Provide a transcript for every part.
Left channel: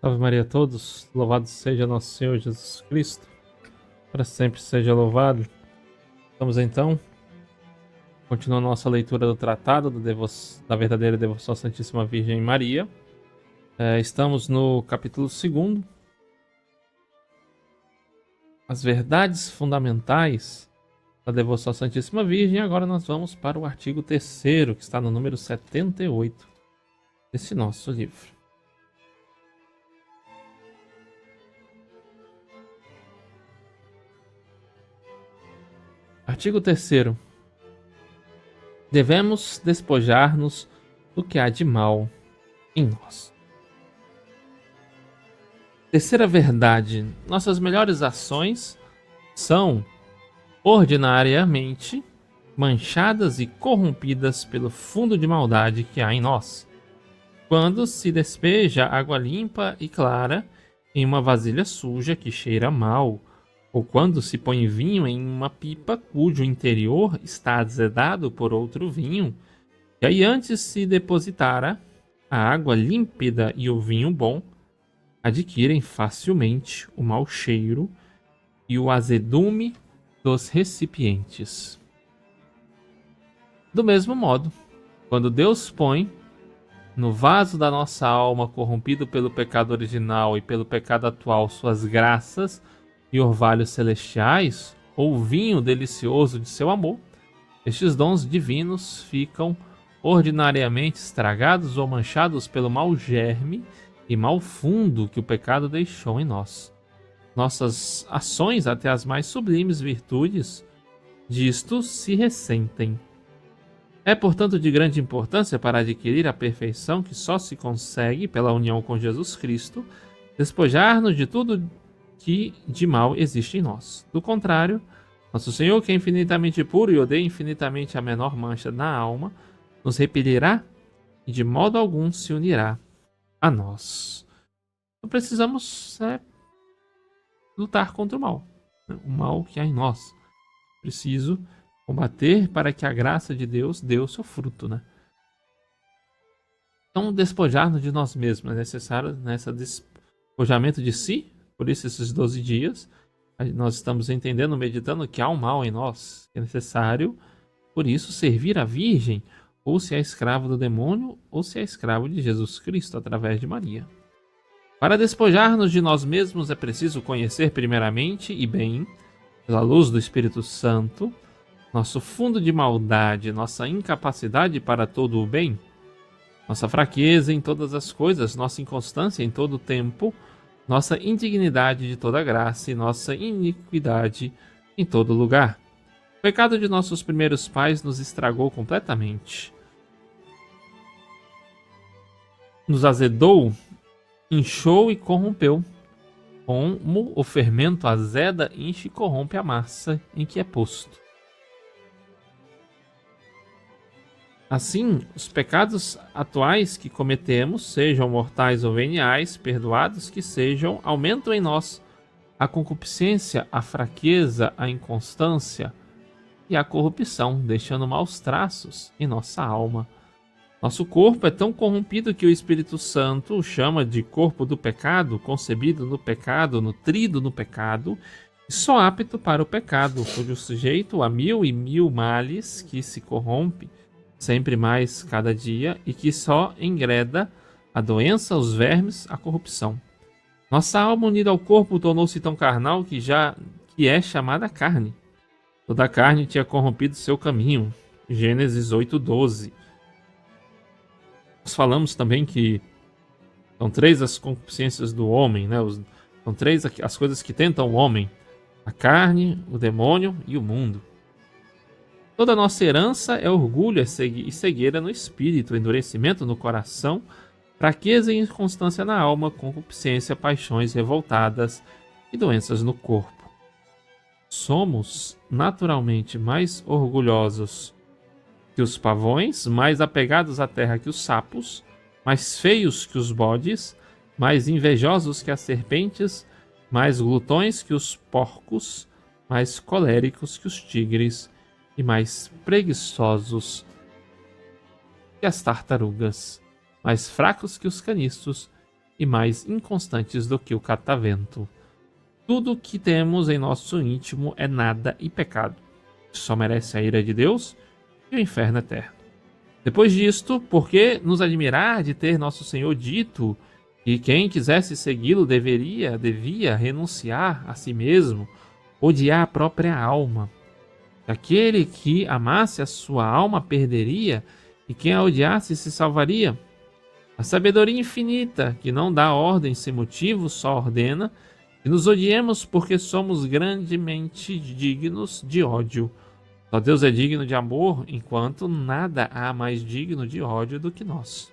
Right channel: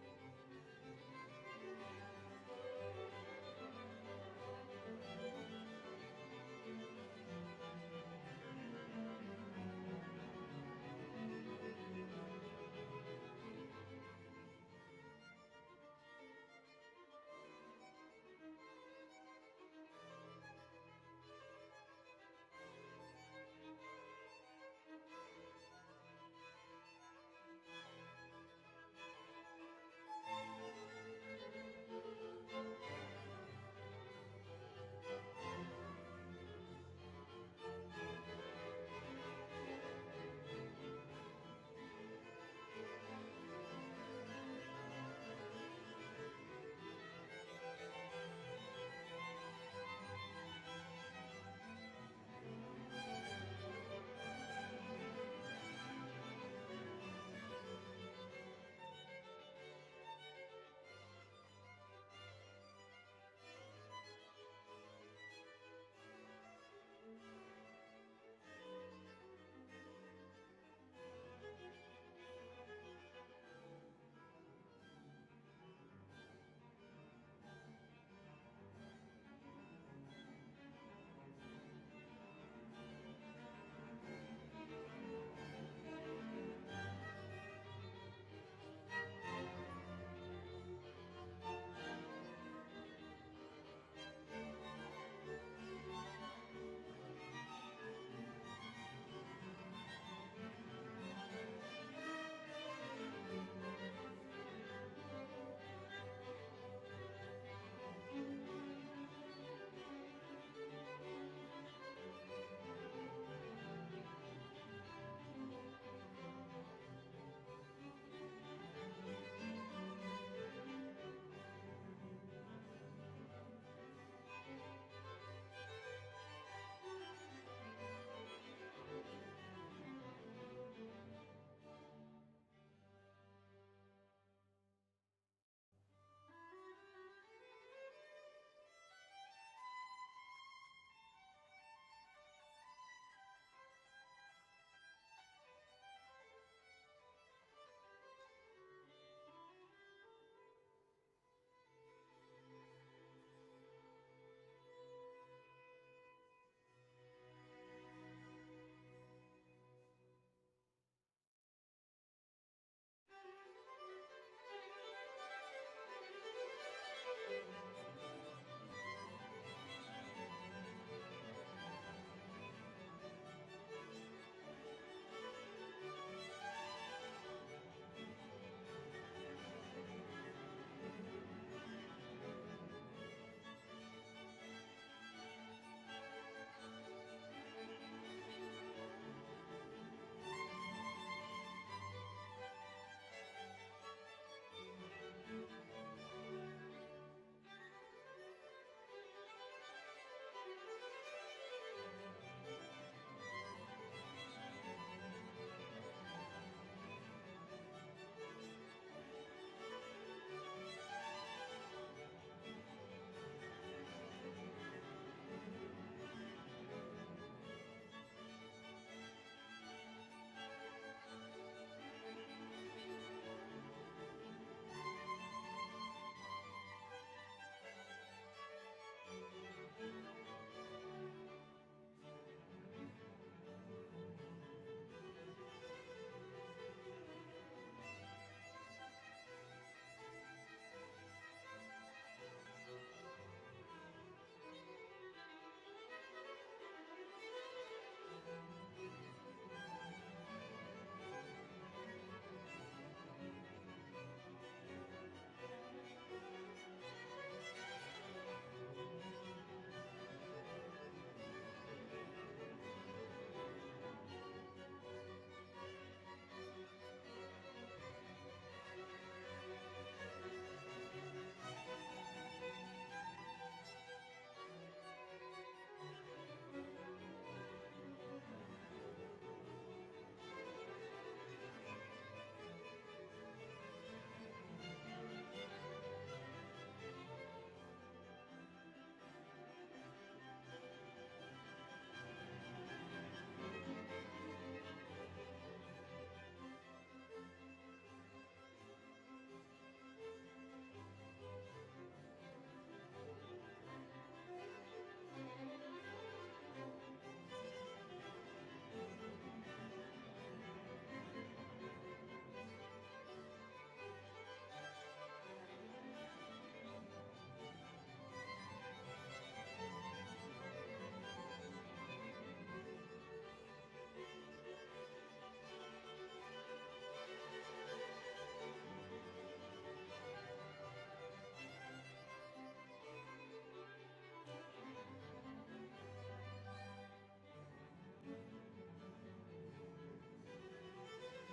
Salve Maria a todos, louvado seja nosso Senhor Jesus Cristo, para sempre seja louvado. Vamos então, continuando nossa leitura do Tratado da Verdadeira Devoção à Santíssima Virgem Maria. Estamos no capítulo 2, as verdades fundamentais da Devoção à Santíssima Virgem. Agora nós vamos para o artigo 3º, que está no número 78 desse nosso livro. Artigo 3º. Devemos despojar-nos do que há de mal em nós. Terceira verdade: nossas melhores ações são ordinariamente manchadas e corrompidas pelo fundo de maldade que há em nós. Quando se despeja água limpa e clara em uma vasilha suja que cheira mal, ou quando se põe vinho em uma pipa cujo interior está azedado por outro vinho, e aí antes se depositara a água límpida e o vinho bom, adquirem facilmente o mau cheiro e o azedume dos recipientes. Do mesmo modo, quando Deus põe no vaso da nossa alma, corrompido pelo pecado original e pelo pecado atual, suas graças e orvalhos celestiais, ou o vinho delicioso de seu amor, estes dons divinos ficam ordinariamente estragados ou manchados pelo mau germe e mau fundo que o pecado deixou em nós. Nossas ações, até as mais sublimes virtudes, disto se ressentem. É, portanto, de grande importância para adquirir a perfeição que só se consegue pela união com Jesus Cristo, despojar-nos de tudo que de mal existe em nós. Do contrário, nosso Senhor, que é infinitamente puro e odeia infinitamente a menor mancha na alma, nos repelirá e de modo algum se unirá a nós. Então precisamos lutar contra o mal que há em nós. Preciso combater para que a graça de Deus dê o seu fruto, né? Então, despojar-nos de nós mesmos é necessário nesse despojamento de si. Por isso, esses 12 dias, nós estamos entendendo, meditando que há um mal em nós. É necessário, por isso, servir a Virgem, ou se é escravo do demônio, ou se é escravo de Jesus Cristo, através de Maria. Para despojar-nos de nós mesmos é preciso conhecer primeiramente e bem, pela luz do Espírito Santo, nosso fundo de maldade, nossa incapacidade para todo o bem, nossa fraqueza em todas as coisas, nossa inconstância em todo o tempo, nossa indignidade de toda graça e nossa iniquidade em todo lugar. O pecado de nossos primeiros pais nos estragou completamente. Nos azedou, inchou e corrompeu. Como o fermento azeda, enche e corrompe a massa em que é posto. Assim, os pecados atuais que cometemos, sejam mortais ou veniais, perdoados que sejam, aumentam em nós a concupiscência, a fraqueza, a inconstância e a corrupção, deixando maus traços em nossa alma. Nosso corpo é tão corrompido que o Espírito Santo o chama de corpo do pecado, concebido no pecado, nutrido no pecado, e só apto para o pecado, cujo sujeito a mil e mil males que se corrompe sempre mais cada dia e que só engreda a doença, os vermes, a corrupção. Nossa alma unida ao corpo tornou-se tão carnal que é chamada carne. Toda a carne tinha corrompido seu caminho. Gênesis 8:12. Nós falamos também que são 3 as concupiscências do homem, né? São 3 as coisas que tentam o homem: a carne, o demônio e o mundo. Toda a nossa herança é orgulho e cegueira no espírito, endurecimento no coração, fraqueza e inconstância na alma, concupiscência, paixões revoltadas e doenças no corpo. Somos naturalmente mais orgulhosos que os pavões, mais apegados à terra que os sapos, mais feios que os bodes, mais invejosos que as serpentes, mais glutões que os porcos, mais coléricos que os tigres e mais preguiçosos que as tartarugas, mais fracos que os caniços e mais inconstantes do que o catavento. Tudo que temos em nosso íntimo é nada e pecado. Só merece a ira de Deus e o inferno eterno. Depois disto, por que nos admirar de ter nosso Senhor dito que quem quisesse segui-lo devia renunciar a si mesmo, odiar a própria alma? Aquele que amasse a sua alma perderia, e quem a odiasse se salvaria. A sabedoria infinita, que não dá ordem sem motivo, só ordena que nos odiemos porque somos grandemente dignos de ódio. Só Deus é digno de amor, enquanto nada há mais digno de ódio do que nós.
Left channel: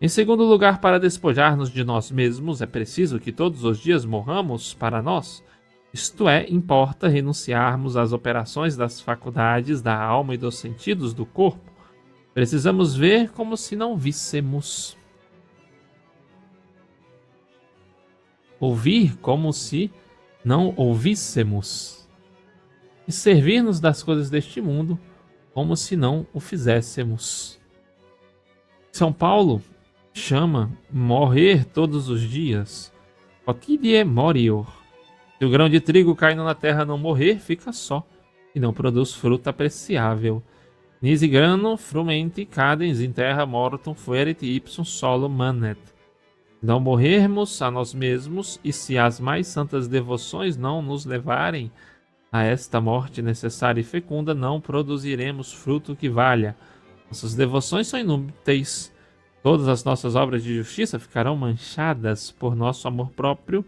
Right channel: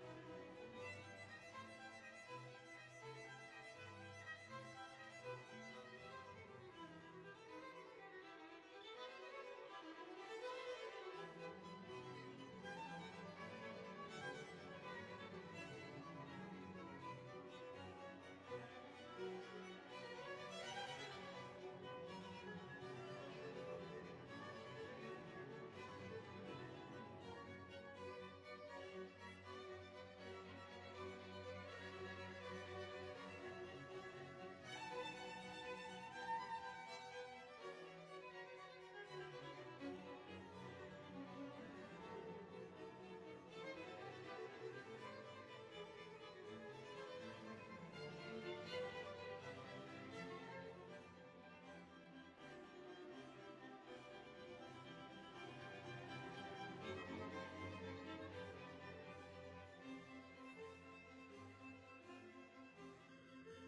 Em segundo lugar, para despojar-nos de nós mesmos, é preciso que todos os dias morramos para nós. Isto é, importa renunciarmos às operações das faculdades da alma e dos sentidos do corpo. Precisamos ver como se não víssemos. Ouvir como se não ouvíssemos. E servir-nos das coisas deste mundo como se não o fizéssemos. São Paulo chama morrer todos os dias, quotidie morior. Se o grão de trigo caindo na terra não morrer, fica só, e não produz fruta apreciável. Nisi grano frumenti cadens in terra mortum fuerit ipsum solo manet. Não morrermos a nós mesmos, e se as mais santas devoções não nos levarem a esta morte necessária e fecunda, não produziremos fruto que valha. Nossas devoções são inúteis. Todas as nossas obras de justiça ficarão manchadas por nosso amor próprio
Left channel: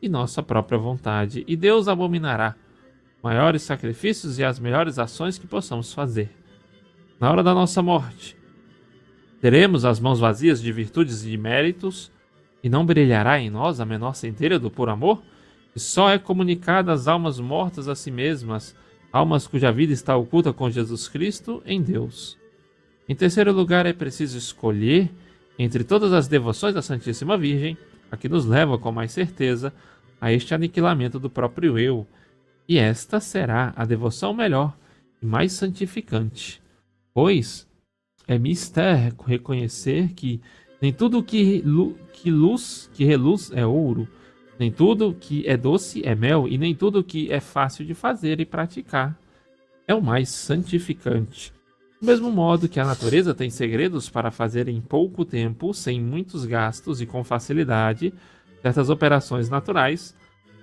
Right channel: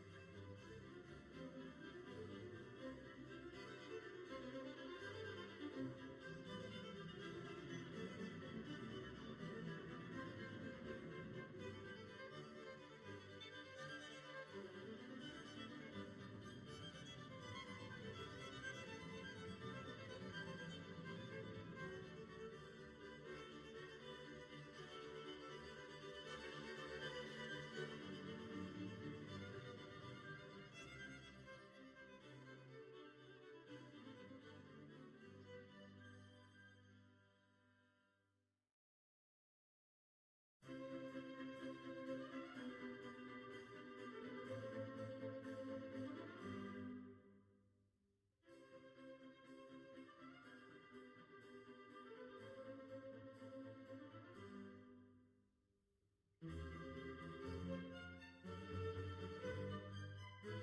e nossa própria vontade. E Deus abominará maiores sacrifícios e as melhores ações que possamos fazer. Na hora da nossa morte, teremos as mãos vazias de virtudes e de méritos, e não brilhará em nós a menor centelha do puro amor? Que só é comunicada às almas mortas a si mesmas, almas cuja vida está oculta com Jesus Cristo em Deus. Em terceiro lugar, é preciso escolher entre todas as devoções da Santíssima Virgem a que nos leva com mais certeza a este aniquilamento do próprio eu, e esta será a devoção melhor e mais santificante, pois é mister reconhecer que nem tudo que reluz é ouro, nem tudo que é doce é mel, e nem tudo que é fácil de fazer e praticar é o mais santificante. Do mesmo modo que a natureza tem segredos para fazer em pouco tempo, sem muitos gastos e com facilidade, certas operações naturais,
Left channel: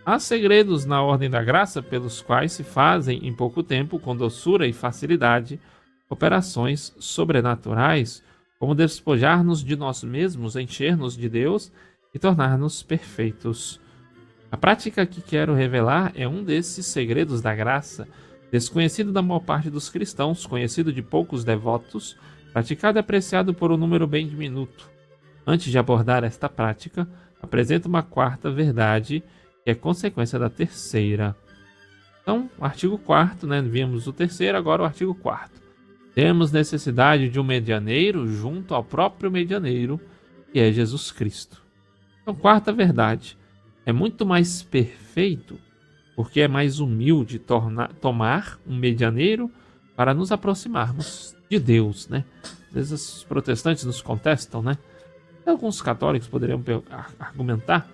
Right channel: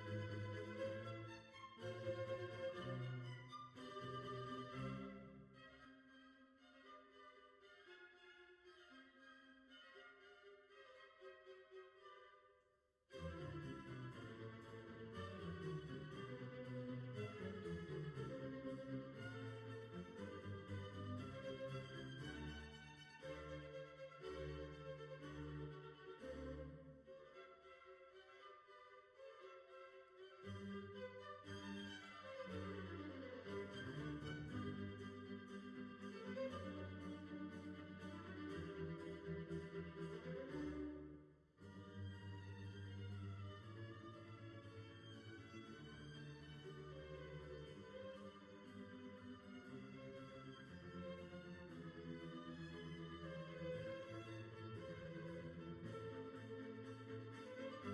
há segredos na ordem da graça pelos quais se fazem em pouco tempo, com doçura e facilidade, operações sobrenaturais, como despojar-nos de nós mesmos, encher-nos de Deus e tornar-nos perfeitos. A prática que quero revelar é um desses segredos da graça, desconhecido da maior parte dos cristãos, conhecido de poucos devotos, praticado e apreciado por um número bem diminuto. Antes de abordar esta prática, apresento uma quarta verdade, que é consequência da terceira. Então, o artigo 4º, vimos o terceiro, agora o artigo 4º. Temos necessidade de um medianeiro junto ao próprio medianeiro, que é Jesus Cristo. Então, quarta verdade, é muito mais perfeito porque é mais humilde tomar um medianeiro para nos aproximarmos de Deus, Às vezes os protestantes nos contestam, Alguns católicos poderiam argumentar,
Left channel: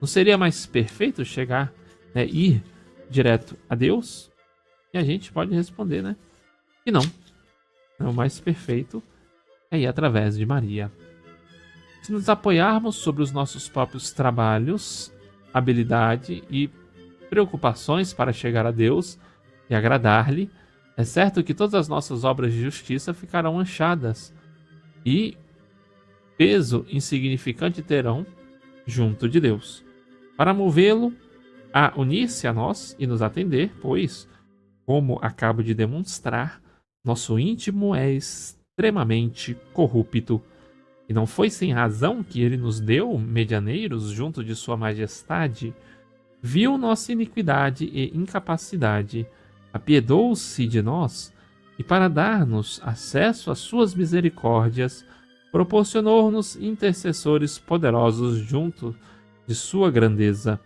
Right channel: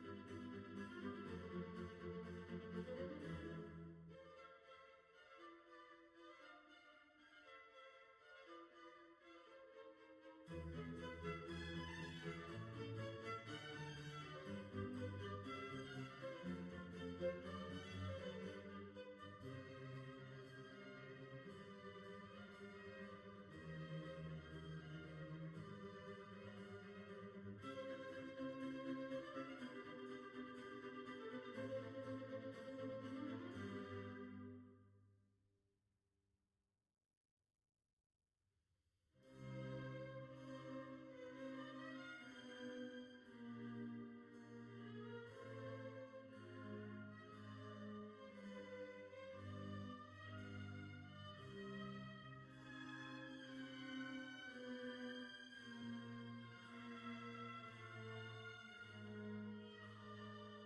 não seria mais perfeito chegar, ir direto a Deus? E a gente pode responder, que não. O mais perfeito é ir através de Maria. Se nos apoiarmos sobre os nossos próprios trabalhos, habilidade e preocupações para chegar a Deus e agradar-lhe, é certo que todas as nossas obras de justiça ficarão manchadas e peso insignificante terão junto de Deus, para movê-lo a unir-se a nós e nos atender, pois, como acabo de demonstrar, nosso íntimo é extremamente corrupto. E não foi sem razão que ele nos deu medianeiros junto de sua majestade. Viu nossa iniquidade e incapacidade, apiedou-se de nós, e para dar-nos acesso às suas misericórdias, proporcionou-nos intercessores poderosos junto de sua grandeza.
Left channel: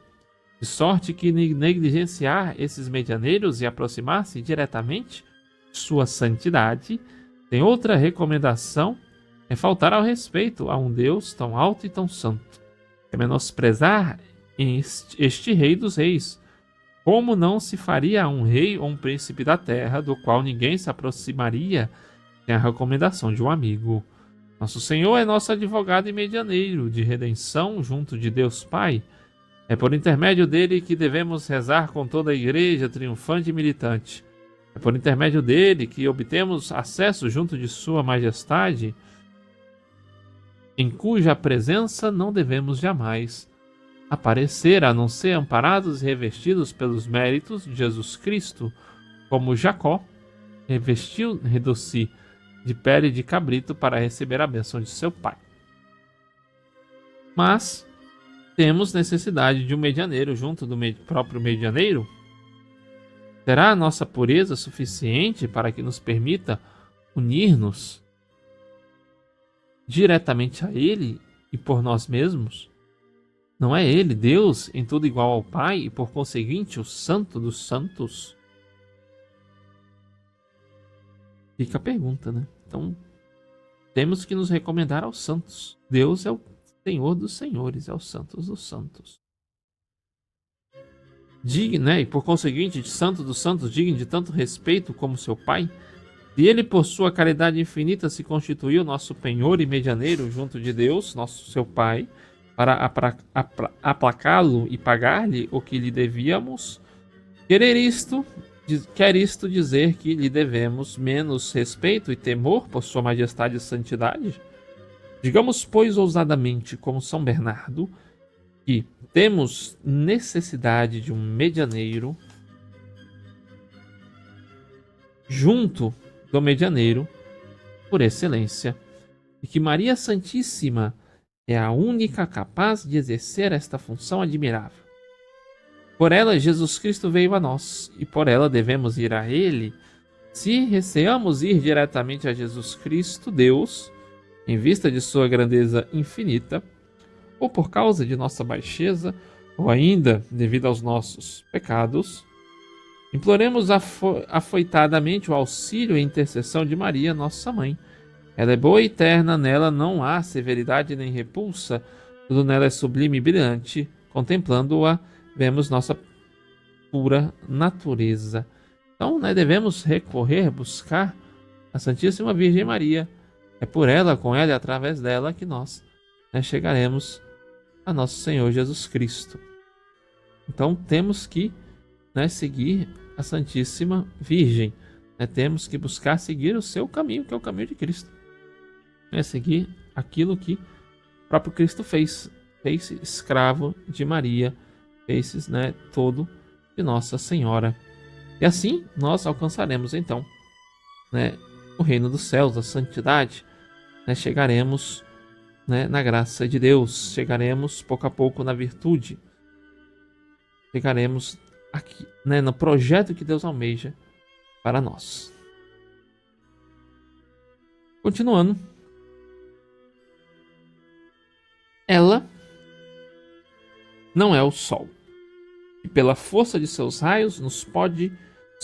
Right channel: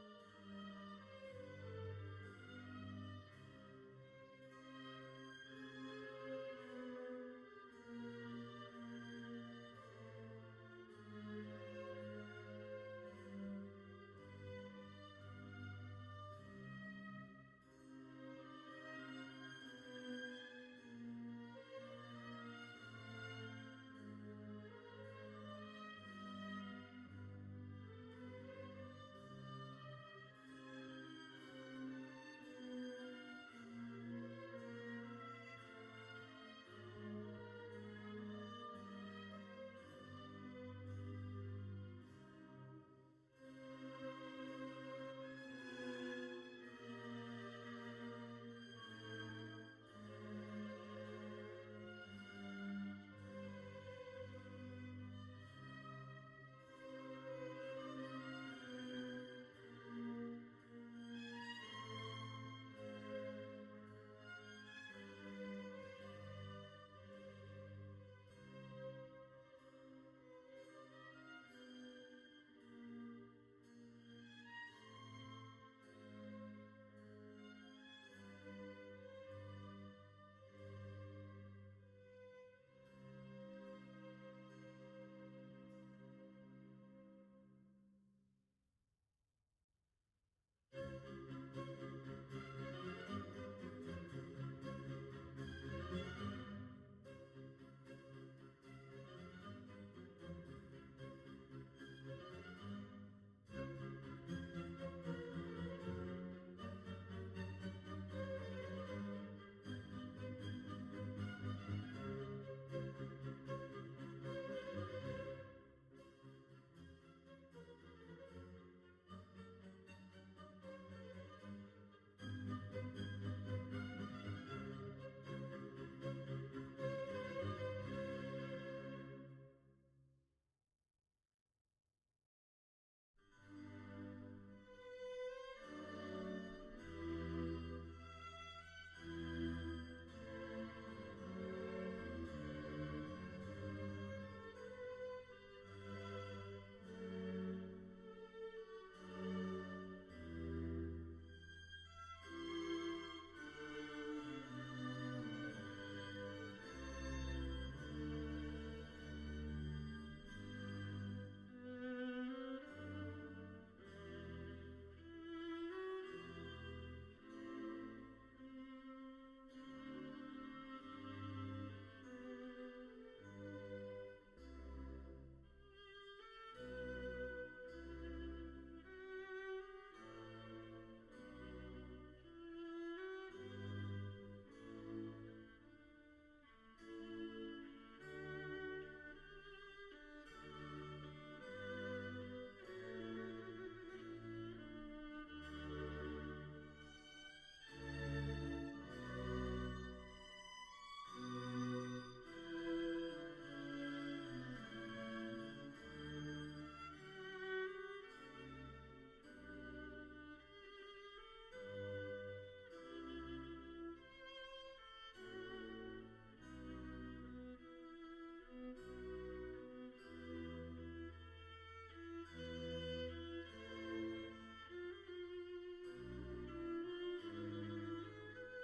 De sorte que negligenciar esses medianeiros e aproximar-se diretamente de sua santidade tem outra recomendação é faltar ao respeito a um Deus tão alto e tão santo. É menosprezar este Rei dos Reis. Como não se faria a um rei ou um príncipe da terra, do qual ninguém se aproximaria sem a recomendação de um amigo? Nosso Senhor é nosso advogado e medianeiro de redenção junto de Deus Pai. É por intermédio dele que devemos rezar com toda a igreja triunfante e militante. É por intermédio dele que obtemos acesso junto de Sua Majestade, em cuja presença não devemos jamais aparecer, a não ser amparados e revestidos pelos méritos de Jesus Cristo, como Jacó revestiu-se de pele de cabrito para receber a bênção de seu pai. Mas temos necessidade de um medianeiro junto do próprio medianeiro? Será a nossa pureza suficiente para que nos permita unir-nos diretamente a Ele e por nós mesmos? Não é Ele, Deus, em tudo igual ao Pai e por conseguinte o Santo dos Santos? Fica a pergunta, né? Então, temos que nos recomendar aos santos. Deus é o Senhor dos senhores, é o Santos dos santos. Digno, né? E por conseguinte, de Santo dos santos, digno de tanto respeito como seu Pai. E ele, por sua caridade infinita, se constituiu nosso penhor e medianeiro junto de Deus, nosso seu Pai, para aplacá-lo e pagar-lhe o que lhe devíamos. Quer isto dizer que lhe devemos menos respeito e temor por sua majestade e santidade? Digamos, pois, ousadamente, como São Bernardo, que temos necessidade de um medianeiro junto do medianeiro por excelência, e que Maria Santíssima é a única capaz de exercer esta função admirável. Por ela, Jesus Cristo veio a nós, e por ela devemos ir a Ele. Se receamos ir diretamente a Jesus Cristo, Deus, em vista de sua grandeza infinita, ou por causa de nossa baixeza, ou ainda devido aos nossos pecados, imploremos afoitadamente o auxílio e intercessão de Maria, nossa mãe. Ela é boa e eterna, nela não há severidade nem repulsa, tudo nela é sublime e brilhante. Contemplando-a, vemos nossa pura natureza. Então, devemos buscar a Santíssima Virgem Maria. É por ela, com ela e através dela que nós chegaremos a nosso Senhor Jesus Cristo. Então, temos que seguir a Santíssima Virgem. Temos que buscar seguir o seu caminho, que é o caminho de Cristo. Seguir aquilo que o próprio Cristo fez. Fez-se escravo de Maria, fez-se todo de Nossa Senhora. E assim nós alcançaremos então o reino dos céus, a santidade. Chegaremos na graça de Deus, chegaremos pouco a pouco na virtude, chegaremos aqui no projeto que Deus almeja para nós. Continuando, ela não é o sol, e pela força de seus raios nos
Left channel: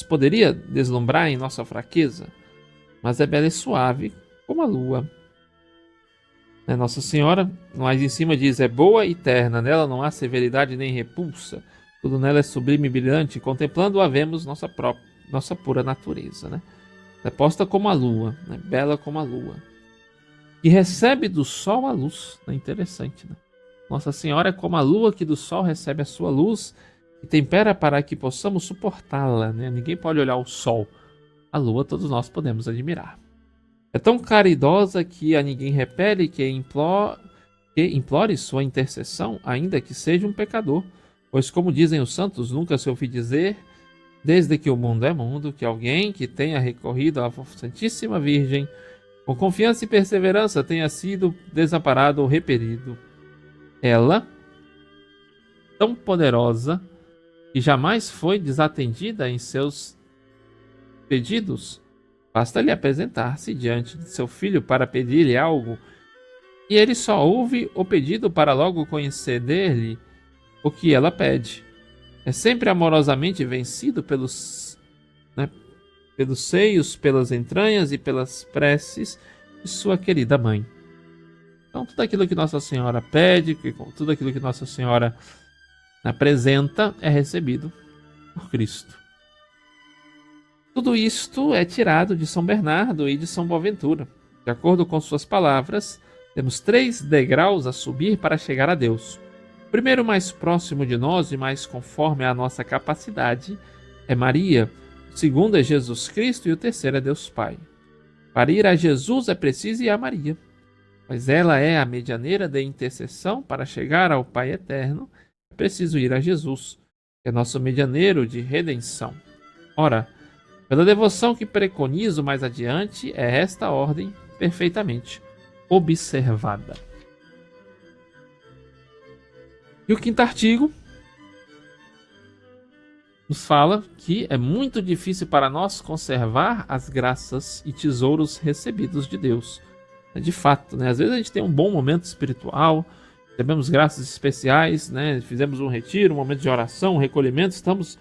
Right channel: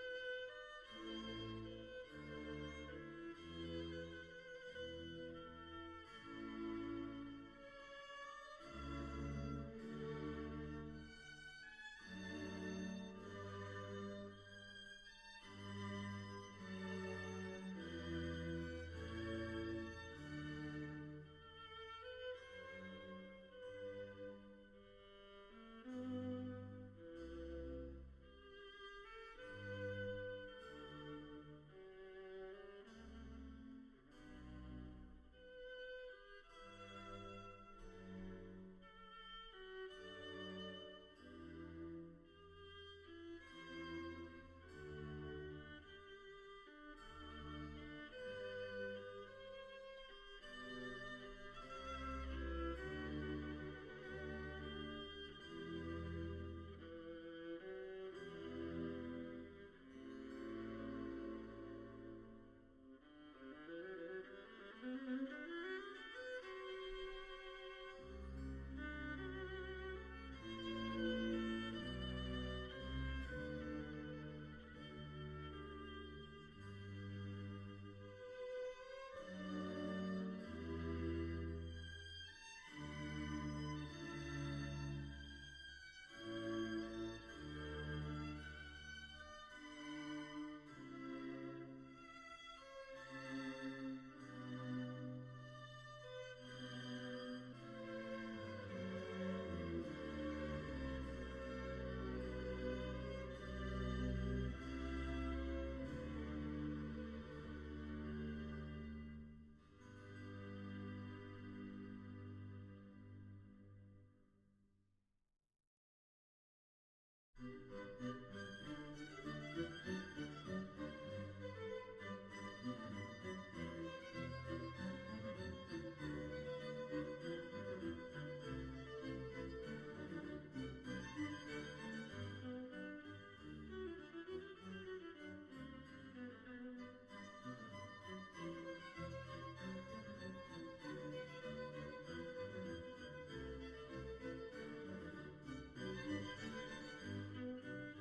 poderia deslumbrar em nossa fraqueza, mas é bela e suave como a lua. Nossa Senhora, mais em cima diz, é boa e eterna, nela não há severidade nem repulsa, tudo nela é sublime e brilhante, contemplando-a vemos nossa pura natureza. É posta como a lua, bela como a lua, e recebe do sol a luz. Interessante, Nossa Senhora é como a lua que do sol recebe a sua luz e tempera para que possamos suportá-la. Ninguém pode olhar o sol. A lua todos nós podemos admirar. É tão caridosa que a ninguém repele, que implore sua intercessão, ainda que seja um pecador. Pois, como dizem os santos, nunca se ouviu dizer, desde que o mundo é mundo, que alguém que tenha recorrido à Santíssima Virgem com confiança e perseverança tenha sido desamparado ou repelido. Ela, tão poderosa, que jamais foi desatendida em seus pedidos, basta-lhe apresentar-se diante de seu filho para pedir-lhe algo, e ele só ouve o pedido para logo conceder-lhe o que ela pede. É sempre amorosamente vencido pelos seios, pelas entranhas e pelas preces de sua querida mãe. Então, tudo aquilo que Nossa Senhora pede, tudo aquilo que Nossa Senhora apresenta é recebido por Cristo. Tudo isto é tirado de São Bernardo e de São Boaventura. De acordo com suas palavras, temos 3 degraus a subir para chegar a Deus. O primeiro, mais próximo de nós e mais conforme à nossa capacidade, é Maria. O segundo é Jesus Cristo e o terceiro é Deus Pai. Para ir a Jesus é preciso ir a Maria, pois ela é a medianeira de intercessão. Para chegar ao Pai Eterno, é preciso ir a Jesus, que é nosso medianeiro de redenção. Ora, pela devoção que preconizo mais adiante, é esta ordem perfeitamente observada. E o quinto artigo nos fala que é muito difícil para nós conservar as graças e tesouros recebidos de Deus. De fato, né? Às vezes a gente tem um bom momento espiritual, recebemos graças especiais, né? Fizemos um retiro, um momento de oração, um recolhimento, estamos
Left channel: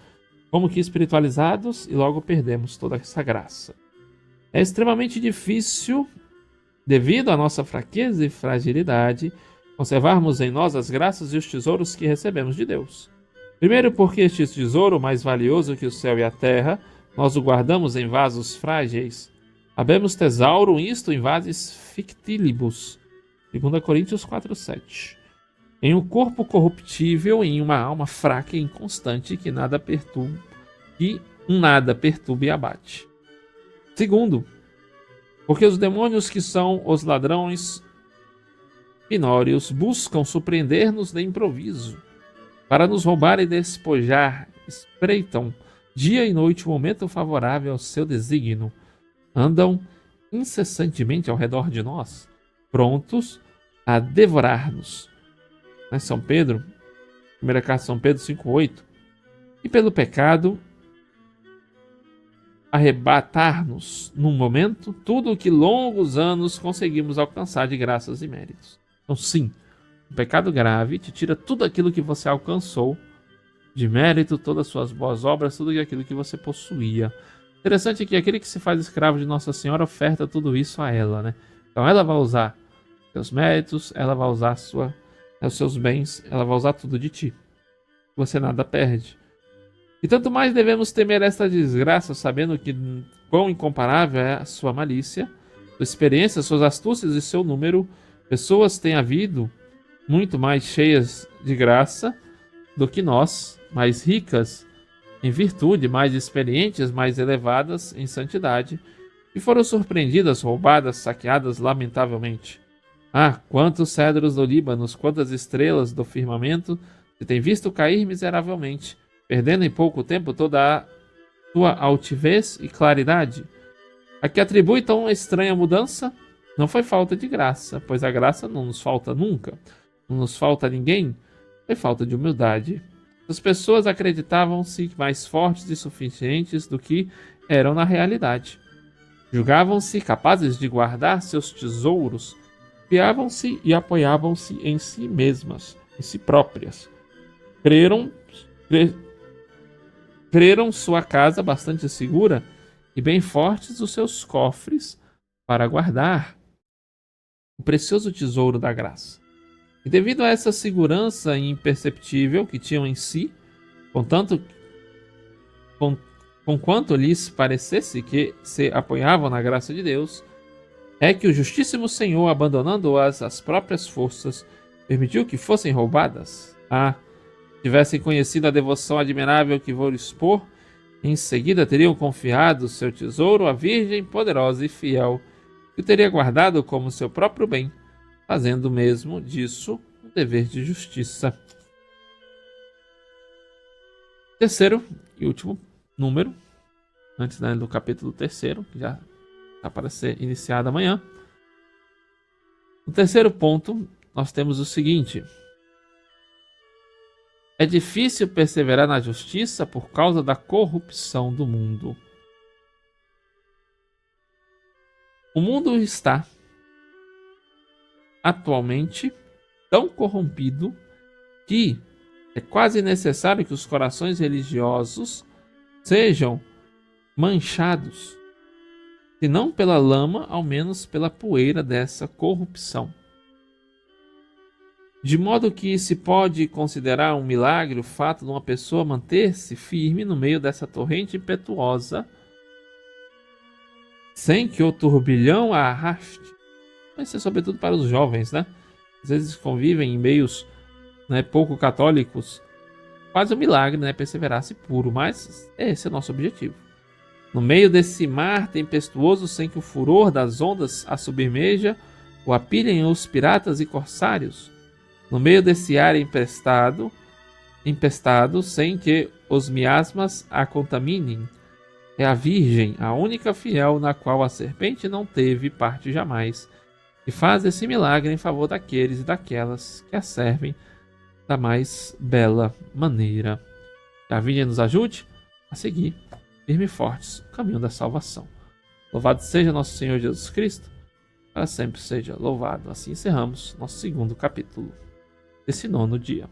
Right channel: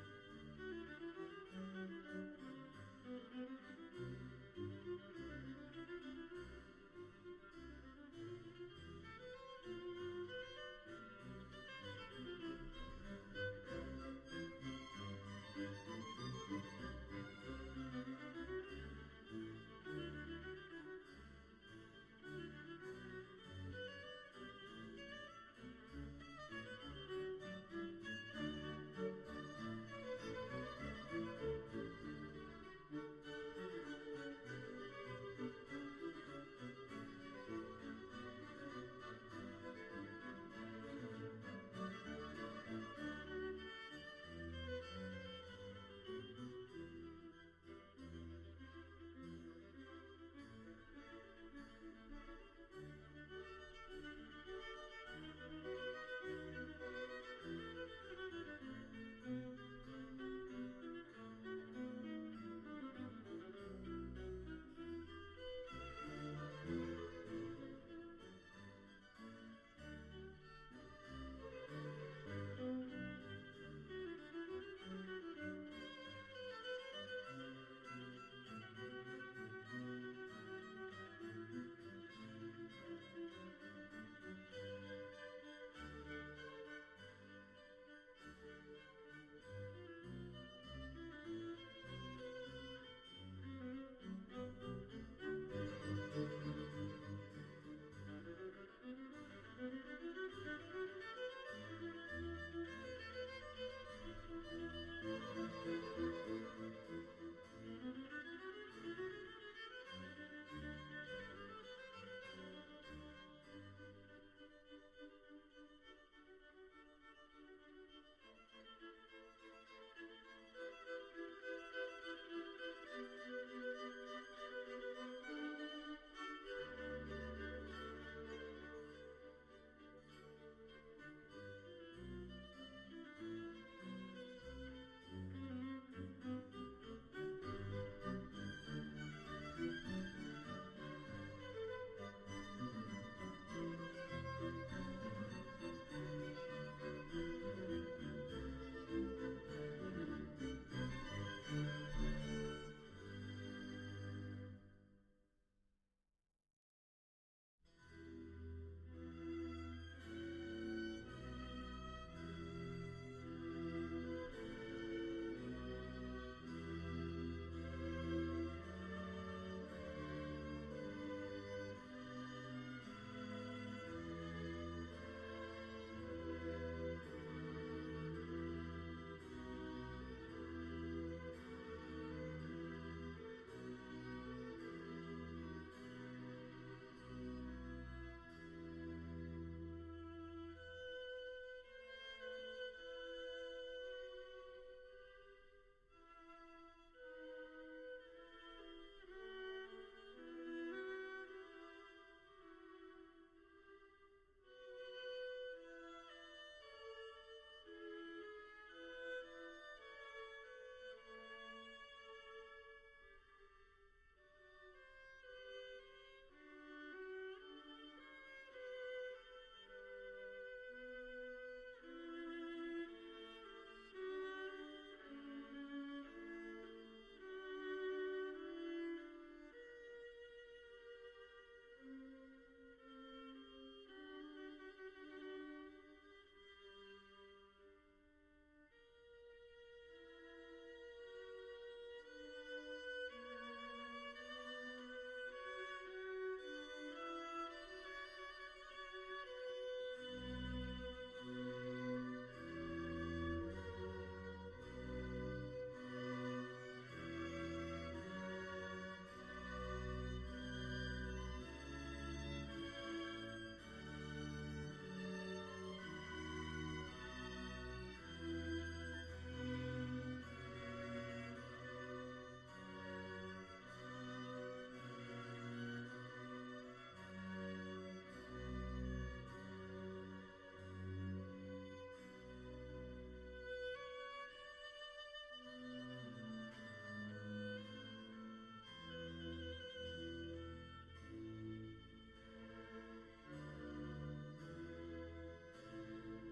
como que espiritualizados e logo perdemos toda essa graça. É extremamente difícil, devido à nossa fraqueza e fragilidade, conservarmos em nós as graças e os tesouros que recebemos de Deus. Primeiro, porque este tesouro, mais valioso que o céu e a terra, nós o guardamos em vasos frágeis. Habemus thesauro isto in vasis fictilibus. 2 Coríntios 4:7. Em um corpo corruptível, em uma alma fraca e inconstante, que nada perturbe e abate. Segundo, porque os demônios, que são os ladrões finórios, buscam surpreender-nos de improviso, para nos roubar e despojar, espreitam dia e noite o momento favorável ao seu desígnio, andam incessantemente ao redor de nós, prontos a devorar-nos. São Pedro, primeira carta de São Pedro 5:8. E pelo pecado, arrebatar-nos num momento tudo o que longos anos conseguimos alcançar de graças e méritos. Então, sim, o pecado grave te tira tudo aquilo que você alcançou de mérito, todas as suas boas obras, tudo aquilo que você possuía. Interessante é que aquele que se faz escravo de Nossa Senhora oferta tudo isso a ela, né? Então ela vai usar seus méritos, ela vai usar os seus bens, ela vai usar tudo de ti. Você nada perde. E tanto mais devemos temer esta desgraça, sabendo que quão incomparável é a sua malícia, sua experiência, suas astúcias e seu número. Pessoas têm havido muito mais cheias de graça do que nós, mais ricas em virtude, mais experientes, mais elevadas em santidade, e foram surpreendidas, roubadas, saqueadas lamentavelmente. Ah, quantos cedros do Líbano, quantas estrelas do firmamento se tem visto cair miseravelmente, perdendo em pouco tempo toda a sua altivez e claridade. A que atribui tão estranha mudança não foi falta de graça, pois a graça não nos falta nunca, não nos falta a ninguém, foi falta de humildade. As pessoas acreditavam-se mais fortes e suficientes do que eram na realidade. Julgavam-se capazes de guardar seus tesouros, fiavam-se e apoiavam-se em si mesmas, em si próprias. Creram sua casa bastante segura e bem fortes os seus cofres para guardar o precioso tesouro da graça. E devido a essa segurança imperceptível que tinham em si, conquanto lhes parecesse que se apoiavam na graça de Deus, é que o Justíssimo Senhor, abandonando-as às próprias forças, permitiu que fossem roubadas. Tivessem conhecido a devoção admirável que vou expor, em seguida teriam confiado seu tesouro à Virgem poderosa e fiel, que o teria guardado como seu próprio bem, fazendo mesmo disso um dever de justiça. Terceiro e último número, antes do capítulo 3º, que já está para ser iniciado amanhã. No terceiro ponto, nós temos o seguinte: é difícil perseverar na justiça por causa da corrupção do mundo. O mundo está atualmente tão corrompido que é quase necessário que os corações religiosos sejam manchados, se não pela lama, ao menos pela poeira dessa corrupção. De modo que se pode considerar um milagre o fato de uma pessoa manter-se firme no meio dessa torrente impetuosa, sem que o turbilhão a arraste. Isso é sobretudo para os jovens, né? Às vezes convivem em meios, né, pouco católicos. Quase um milagre, né? Perseverar-se puro, mas esse é o nosso objetivo. No meio desse mar tempestuoso, sem que o furor das ondas a submerja ou apilhem os piratas e corsários, no meio desse ar empestado, sem que os miasmas a contaminem, é a Virgem, a única fiel na qual a serpente não teve parte jamais, e faz esse milagre em favor daqueles e daquelas que a servem da mais bela maneira. Que a Virgem nos ajude a seguir firme e fortes o caminho da salvação. Louvado seja nosso Senhor Jesus Cristo, para sempre seja louvado. Assim encerramos nosso segundo capítulo desse 9º dia.